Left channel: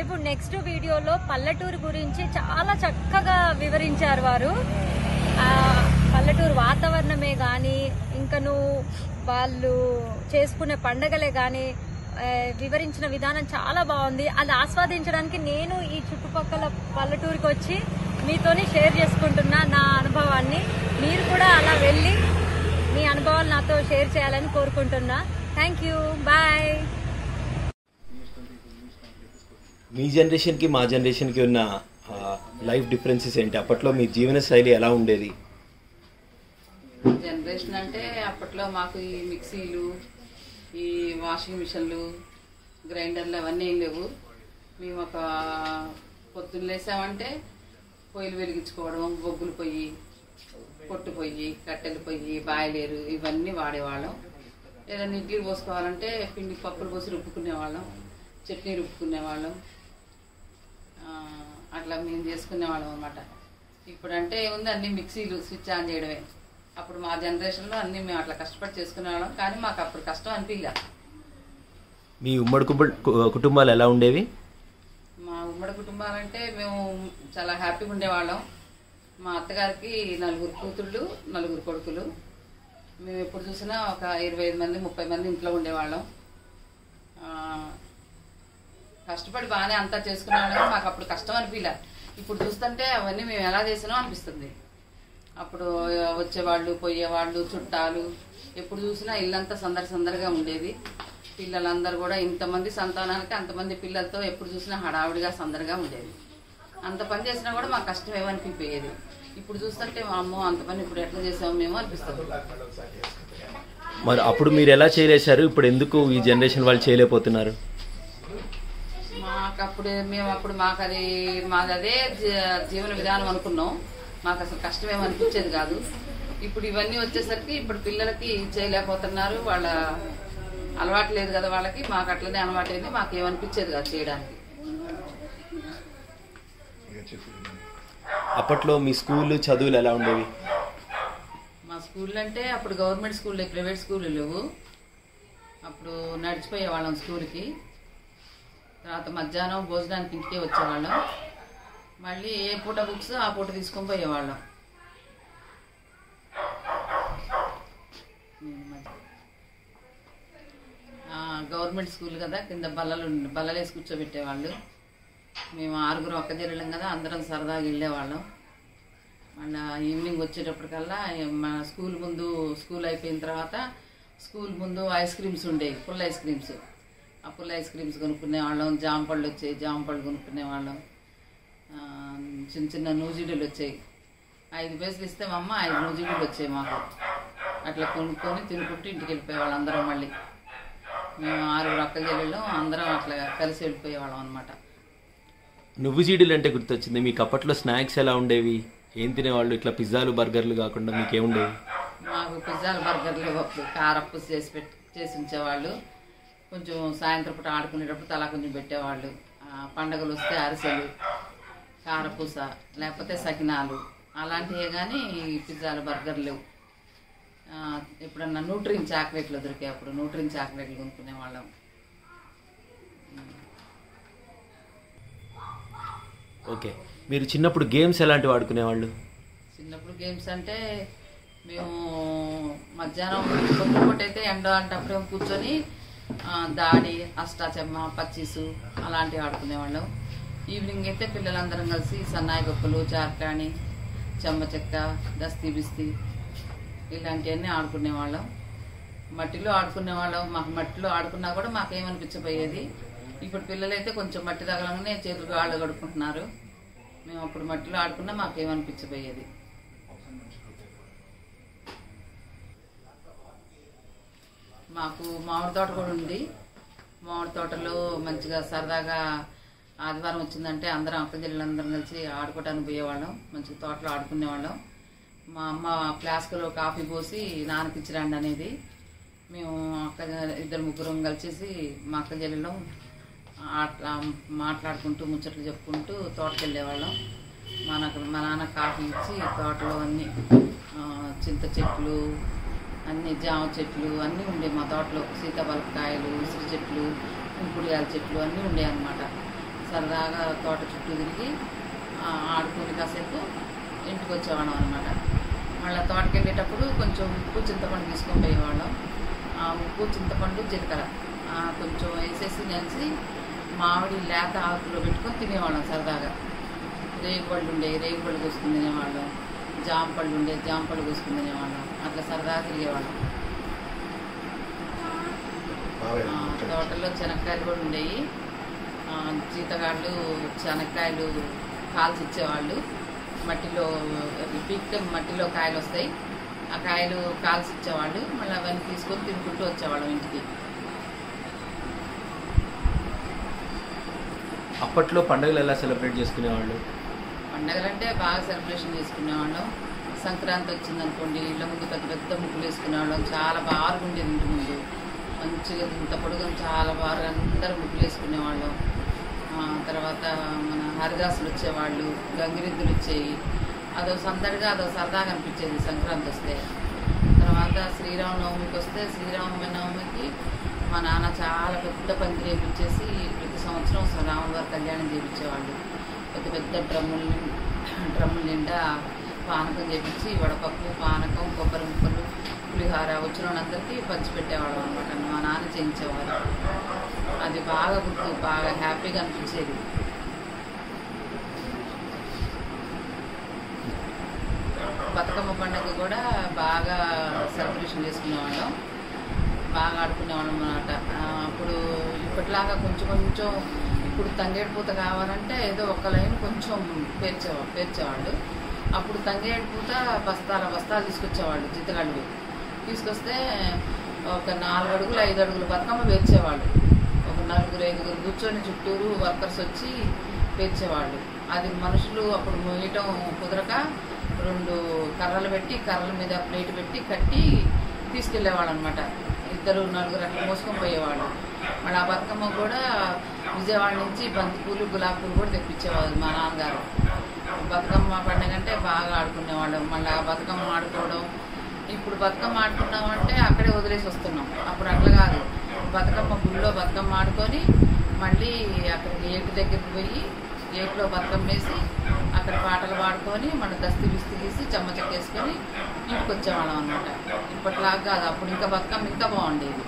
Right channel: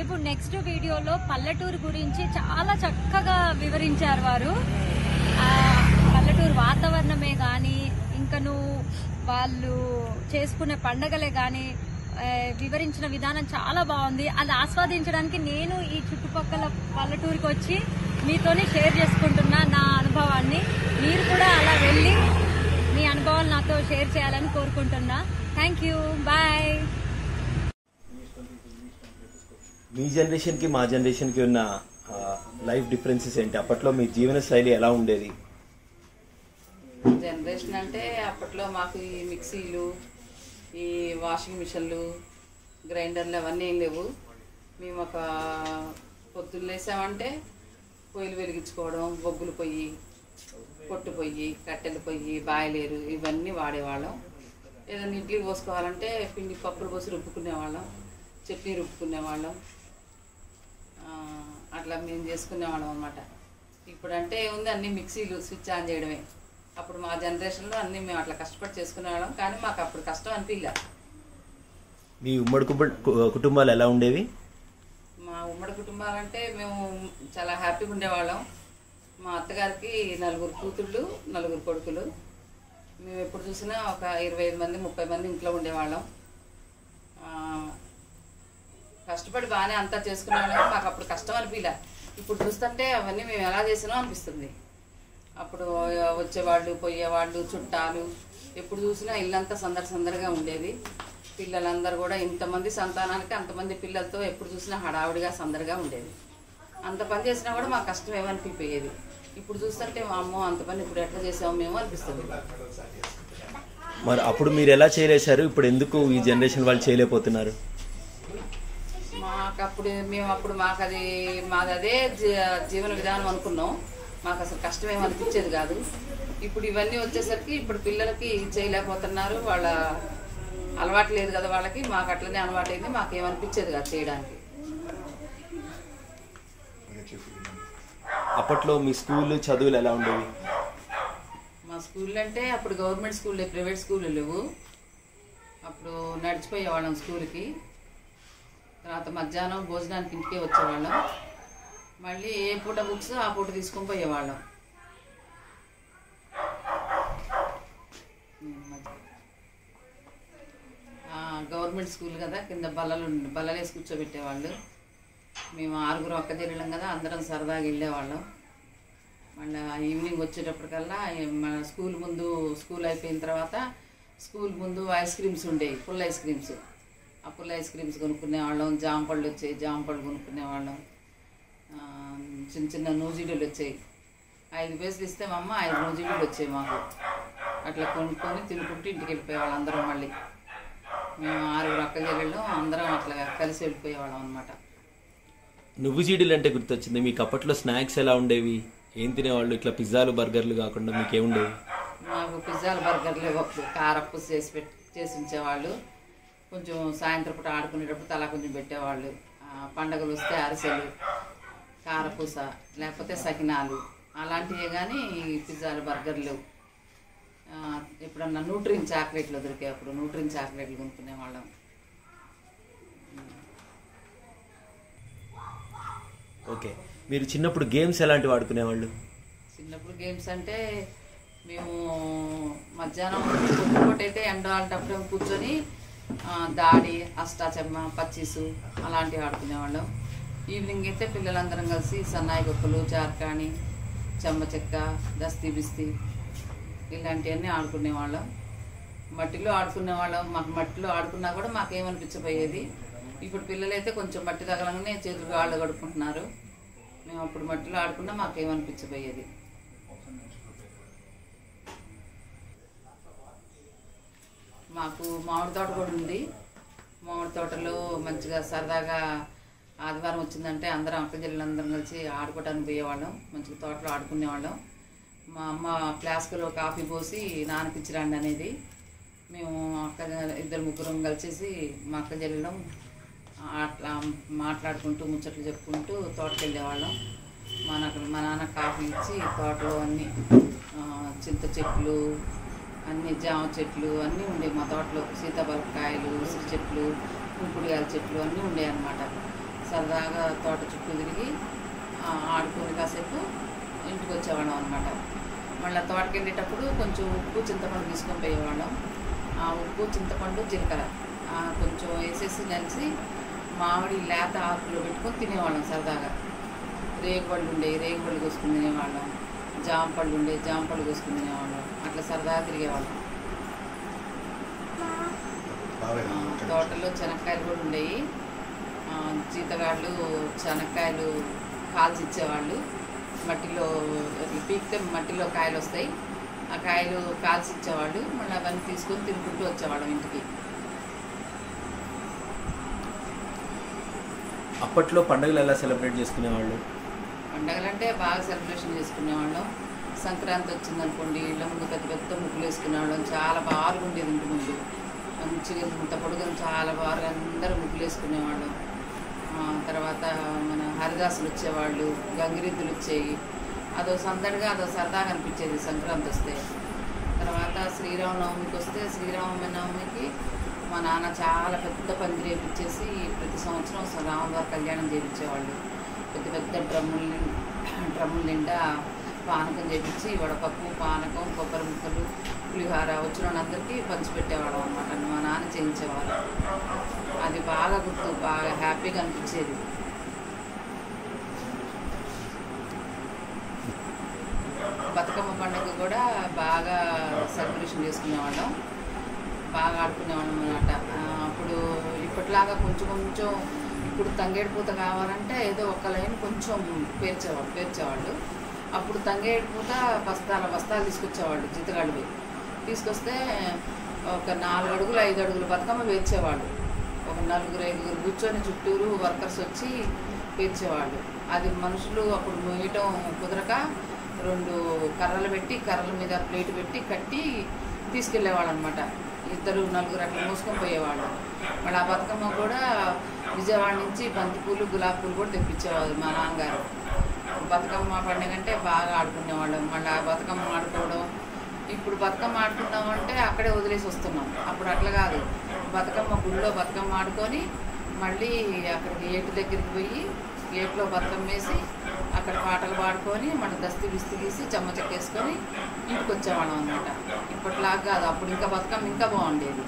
ఇప్పుడు నెక్స్ట్ వీడియోలో పల్లెటూరు గురించి చాలా చక్కగా వివరించారు వారు. పల్లెటూరు వాతావరణమే గాని, ఇంకను వాళ్ళు చేసుకునే పండగలే గాని వివరించిన విధానం చాలా బాగుంది. అది ఆస్వాదించడానికి నేను ఈ చుట్టుపక్కల పల్లెటూరుకి వచ్చి మీతోని షేర్ చేసుకుంటున్నా నా అనుభవాన్ని. మీరు కూడా అలా వెళ్ళి మీ అనుభవాలు నాతో షేర్ చేయాలని కోరుకుంటున్నా. Thank you, bye. మీ జనరేషన్ కి మా జనరేషన్ కి ఉన్న లైఫ్ డిఫరెన్సెస్ ఏంటి? అప్పట్లో మీ జీవన శైలి ఎలా ఉండేది? జనరేషన్ అంటే అప్పట్లో మాకు ఈ మిక్సీలు, ఈ వాషింగ్ మిషన్లు, గ్రైండర్లు అవన్నీ ఏం లేవు. మేము ఒక పొద్దున్న లేసామంటే పొయ్యిలు వెలిగించుకోవడం, బొగ్గులు పొయ్యి, పొట్టు పొయ్యి, కట్టెల పొయ్యి, బాయిలేరు ఇవన్నీ వాడేవాళ్ళం. ఏదైనా ఇడ్లీ పోసుకోవాలంటే పిండి పప్పులు పోసి రుబ్బుకునేవాళ్ళం, చట్నీ రుబ్బుకునేవాళ్ళం. అట్లా మేము చేసుకునేవాళ్ళం అన్నమాట. ఇప్పుడంటే ఏముంది, అన్ని మిక్సీలు, స్విచ్ ఆన్ చేయడమే. అప్పుడు మా జనరేషన్లో అన్నీ మేము అట్లా కష్టపడి చేసుకునేవాళ్ళం, కానీ మాకు అప్పుడు కష్టం అనిపించలే. మీ ఉమ్మడి కుటుంబాలు ఎలా ఉండేవి? మా ఉమ్మడి కుటుంబాలంటే మేము చాలా హ్యాపీగా ఉండేవాళ్ళం. మా అత్తగారికి 4 కూతుళ్ళు, 4 కొడుకులు. మేము ఎప్పుడు చూసినా ఒక 25 మంది, 30 మంది ఇంట్లో ఉండేవాళ్ళం. కష్టపడి బాగానే అంతా చేసుకునేవాళ్ళం. మాకు అప్పుడు కష్టం అనిపించలే. ఇప్పుడు చూస్తుంటే అవన్నీ మేము ఎలా చేసినాం అనిపిస్తుంది. అప్పుడు వచ్చేవాళ్ళు, పోయేవాళ్ళు, చుట్టాలు, ఎప్పుడు చూసినా ఇల్లంతా సందడిగా ఉండేది. పిల్లలందరూ కూడా ఇంతమంది సంతానానికి అంతమంది పిల్లలతో ఎప్పుడు చూసినా హడావిడిగా సందడిగా ఉండేది. అంత పని చేసినా కూడా మాకు కష్టం ఏమనిపించేది. ఇప్పుడు చూస్తుంటే మా అమ్మో అంత పని ఇప్పుడు ఎట్లా చేసామో మేము అనిపిస్తుంది. మరి అప్పుడు మీరు ఎలా చేయలేశారు? ఇప్పుడు ఎందుకు ఈ జనరేషన్ వాళ్ళు చేయలేకపోతున్నారు? మాది అదే జీవన విధానం అనుకున్నాం. మాకు అసలు కష్టం ఏమనిపించేది కాదు. ఇప్పుడు ఇవన్నీ వచ్చేసరికి ఇప్పుడు పిల్లలకి చేయలేకపోతున్నారు. వాళ్ళ అలవాటు లేదు కదా వాళ్ళకి. మాకు అట్లనే అలవాటు అయింది. మాకేమనిపించేది కాదు చేయడానికి. అప్పట్లో మీ స్కూల్ చదువులు ఎలా ఉండేవి? మా స్కూల్ అంటే అప్పుడు గవర్నమెంట్ స్కూల్, ప్రైవేట్ స్కూళ్ళు లేవు. అప్పుడు నడిచిపోయేవాళ్ళం స్కూల్కి. తర్వాత మధ్యాహ్నం భోజనానికి ఇంటికే వచ్చేవాళ్ళం. మళ్ళీ ఏ పూట బుక్స్ ఆ పూట తీసుకొని పోయేవాళ్ళం. గవర్నమెంట్ స్కూల్ కదా, కింద బల్లలేసి కూర్చోబెట్టేవాళ్ళు. మేము 6 అక్క చెల్లెళ్ళం కదా, అందరం సరదాగా వెళ్ళేవాళ్ళం. మళ్ళీ ఈవినింగ్ వచ్చేటప్పటికల్లా మన స్కూల్ అయిపోయిన తర్వాత స్కూల్ ముందు ఐస్ క్రీమ్స్ ఉండేవి, పుల్ల ఐస్ క్రీమ్స్. ఆ పుల్ల ఐస్ క్రీమ్స్ కొనుక్కునేవాళ్ళం. జాంపళ్ళు వచ్చాయి, జాంపళ్ళు కొనుక్కునేవాళ్ళం. చిన్న నూజిడీలు వచ్చాయి. 5 పైసలు ఇస్తే మా అమ్మ 5 నూజిడీలు వచ్చాయి మాకు. అట్లా కొనుక్కొని తినుకుంటూ ఇంటికి వెళ్ళిపోయేవాళ్ళం అందరం. మళ్ళీ మేము 6 అక్క చెల్లెళ్ళు అందరం అట్లా కలిసి వెళ్ళిపోయేవాళ్ళం అనమాట. నువ్వు జీడీలు అంటే గుర్తొచ్చింది. మీకు అప్పట్లో స్నాక్స్ ఎలా ఉండేవి? ఏం తినేవాళ్ళు? ఇట్లా పిజ్జాలు, బర్గర్లు కాకుండా మీకేముండేవి? మాకు పిజ్జాలు, బర్గర్లు అప్పుడు కారప్పు చేసి ఉంచేవాళ్ళు. కొంచెం సాయంత్రం పూట ఆడుకునేటప్పుడు తలా కొంచెం పెట్టేవాళ్ళు. పండగలు వస్తే అరిసెలు, కారపూస, లేకపోతే సకినాలు అలాంటివే. కానీ పిజ్జాలు, బర్గర్లు, ఎప్పుడన్నా న్యూట్రిన్ చాక్లెట్లు దొరికాయి. అప్పుడు న్యూట్రిన్ చాక్లెట్లు కొనుక్కునేవాళ్ళం. ఓకే, మీరు చిన్నప్పుడు గేమ్స్ ఎలాంటివి ఆడుకునేవాళ్ళు? చిన్నప్పుడు గేమ్స్ అంటే మేము మధ్యాహ్నం పొద్దుపూట అయితే ఎండ అంటప్పుడు కూర్చొని దాడి, అష్టాచెమ్మ, పచ్చీసు అలాంటివి ఆడుకునేవాళ్ళం. ఈవినింగ్ అయితే పిల్లలందరం కలిసి సన్నాయి గొప్పలు, చార్కాణి, చెమ్మ చెక్క, దస్తీ బిస్తీ ఇలాంటివన్నీ ఆడుకునేవాళ్ళం. మట్టిలో ఆడుకునేవాళ్ళం. మాకు మట్టిలో ఆడుకున్నా కూడా మాకేమనిపించబోయేది. ఇప్పుడు పిల్లలైతే కొంచెం మట్టి తగలంగానే చేతులు కాళ్ళు కడుక్కుంటున్నారు. మేము అప్పుడు మట్టిలో ఆడుకున్నా మాకేమనిపించబోయేది. మాకు మామిడి తోట కూడా ఉంది. మామిడి తోటలో మంచిగా సరదాగా ఆదివారం వచ్చిందంటే అందరం అక్క చెల్లెలందరం కలిసి ఆడుకోవడానికి పోయేవాళ్ళం. మంచిగా తోటలో ఆడుకునేవాళ్ళం. మా అమ్మ ఫ్లాస్క్లో కాఫీ పోసి నానకిచ్చిరండి అనేది. మేము ఇద్దరు ముగ్గురం కలిసేసి మా అక్క చెల్లెలం అట్లా మాట్లాడుకుంటూ ముచ్చట్లు చెప్పుకుంటూ తోటకి వెళ్ళేవాళ్ళం. మా నాన్న కాఫీ ఇచ్చి తోటలో అన్నీ చింత చెట్లు, అన్ని జామ చెట్లు అన్నీ ఉండే మా తోటలో. సీతాఫలకాయలు, ఉసిరి చెట్లు, కుంకుడుగాయల చెట్లు అన్నీ ఉండేవి అన్నమాట. సరదాగా తోట చుట్టూ తిరిగి ఆడుకొని కాసేపు ఇంటికి వచ్చేవాళ్ళం అనమాట. మళ్ళీ తోటకి వెళ్ళేటప్పుడు కొంచెం ఉప్పు చింతపండు తీసుకొని పోయేవాళ్ళం. ఆ ఉప్పు చింతపండు జీలకర్ర కొంచెం వేసేసి నంచి మామిడి లేత ఆకులో పెట్టుకొని తినేవాళ్ళం సరదాగా. రేగుపళ్ళు ఉండేవి, రేగుపళ్ళు కోసుకుని తినేవాళ్ళం. జామ పళ్ళు ఉండేవి, జామ పళ్ళు కోసుకుని తినేవాళ్ళం. అట్లా సరదాగా తిరిగేవాళ్ళం. తోటలో శనక్కాయలు కూడా ఉండేవి. జీతగాళ్ళు శనక్కాయలు కాల్చి ఇచ్చేవాళ్ళు. మట్టిలో పీకితే మట్టిలో కాయలు వస్తాయి, ఆ కాయలు కాల్చి ఇచ్చేవాళ్ళు. మళ్ళీ అవన్నీ తీసుకొని తినుకుంటూ వచ్చేవాళ్ళం ఇంటికి. అప్పట్లో పండుగలు ఎలా సెలబ్రేట్ చేసుకునేవాళ్ళు? పండగలు అంటే బాగా సెలబ్రేషన్ చేసుకునేవాళ్ళం. సంక్రాంతి వచ్చిందనుకోండి, ఇళ్ళ ముందు పెద్ద పెద్ద ముగ్గులు వేసుకునేవాళ్ళం. చాలా బాగా ఉండేది ఇంటి ముందు, మంచిగా ఇంత పొడుగు చాలా బాగా అందరూ ముగ్గులు వేసుకునేవాళ్ళం. తర్వాత మన హరిదాసులు వచ్చేవాళ్ళు, గంగిరెద్దులు వచ్చేవి. అదో సందడిగా అదో సరదాగా అనిపించేది సంక్రాంతి వస్తే. తర్వాత శ్రీరామనవమికి వస్తే శ్రీరామనవమికి మా నాన్న చాలా పెద్ద పందిరి వేపించేసి ప్రతి సంవత్సరం రాముల వారి కళ్యాణం చేయించేవాళ్ళు. పెద్ద పెద్ద డ్రమ్ముల నిండా పానకం చేపించి వడపప్పు, పానకం, కొబ్బరి ముక్కలు, పులిహార వచ్చిన వాళ్ళందరికీ పంచిపెట్టేవాళ్ళం అనమాట. మా నాన్న చేయించేవాళ్ళు. అది బాగా గుర్తు, బాగా హ్యాపీగా అనిపించేది. బతుకమ్మ పండుగ కూడా బాగా సెలబ్రేషన్ చేసుకునేవాళ్ళం, బాగా ఆడుకునేవాళ్ళం అన్నమాట. అప్పుడు ఇప్పటిలాగా కొంచెం కొంచెం ఇప్పుడు తంగేడు పూత కావాలంటే ఏదో ఒక లైన్ కొంచెం పేర్చేవాళ్ళు. అప్పుడు తంగేడు పూత బస్తాలు తీసుకొచ్చేవాళ్ళు. జీతగాళ్ళు తీసుకొస్తే ఒక 4 అడుగులు 5 అడుగులు బతుకమ్మ పేర్చేవాళ్ళు. ఒక 4-5 కూర్చొని చుట్టూరు వర్కర్స్ వచ్చి పేర్చేవాళ్ళు. అది మనుషులు అప్పుడు మోయటం కుదరక 2 కర్రలు పెట్టి, కర్రల మీద ప్లేట్ పెట్టి కట్టి తీసుకెళ్ళేవాళ్ళు అనమాట. 2-4 అట్లా మోసుకొని పోయేవాళ్ళు. మళ్ళీ ఆ బతుకమ్మ కూడా విజయవాడ నుంచి బంతిపూలు, గులాబీ పూలు కూడా తెప్పించేవాళ్ళు మా నాన్నగారు. బతుకమ్మ పండుగ అంటే బాగా ఆడుకునేవాళ్ళం. మళ్ళీ ఆ బతుకమ్మ ఆడుకోవడం, ఇప్పుడు బతుకమ్మ ఆడుకున్నామంటే అక్కడే వదిలేసి వస్తున్నాం. అప్పుడు అట్లా కాదు, బతుకమ్మ గుళ్ళో బతుకమ్మ ఆడుకొని మళ్ళీ అక్కడికి ఏటు దగ్గరికి పోయి ఏట్లో బతుకమ్మ వేసి అక్కడ పాటలు పాడుకొని మళ్ళీ దస్తి బిస్తి తీసి చెమ్మచెక్కేసుకొని ఇంటికి వచ్చేవాళ్ళం అనమాట. ఇప్పటిలాగా కాదు, అప్పుడు ఇంకా బతుకమ్మ ఇంకా బాగుండేది.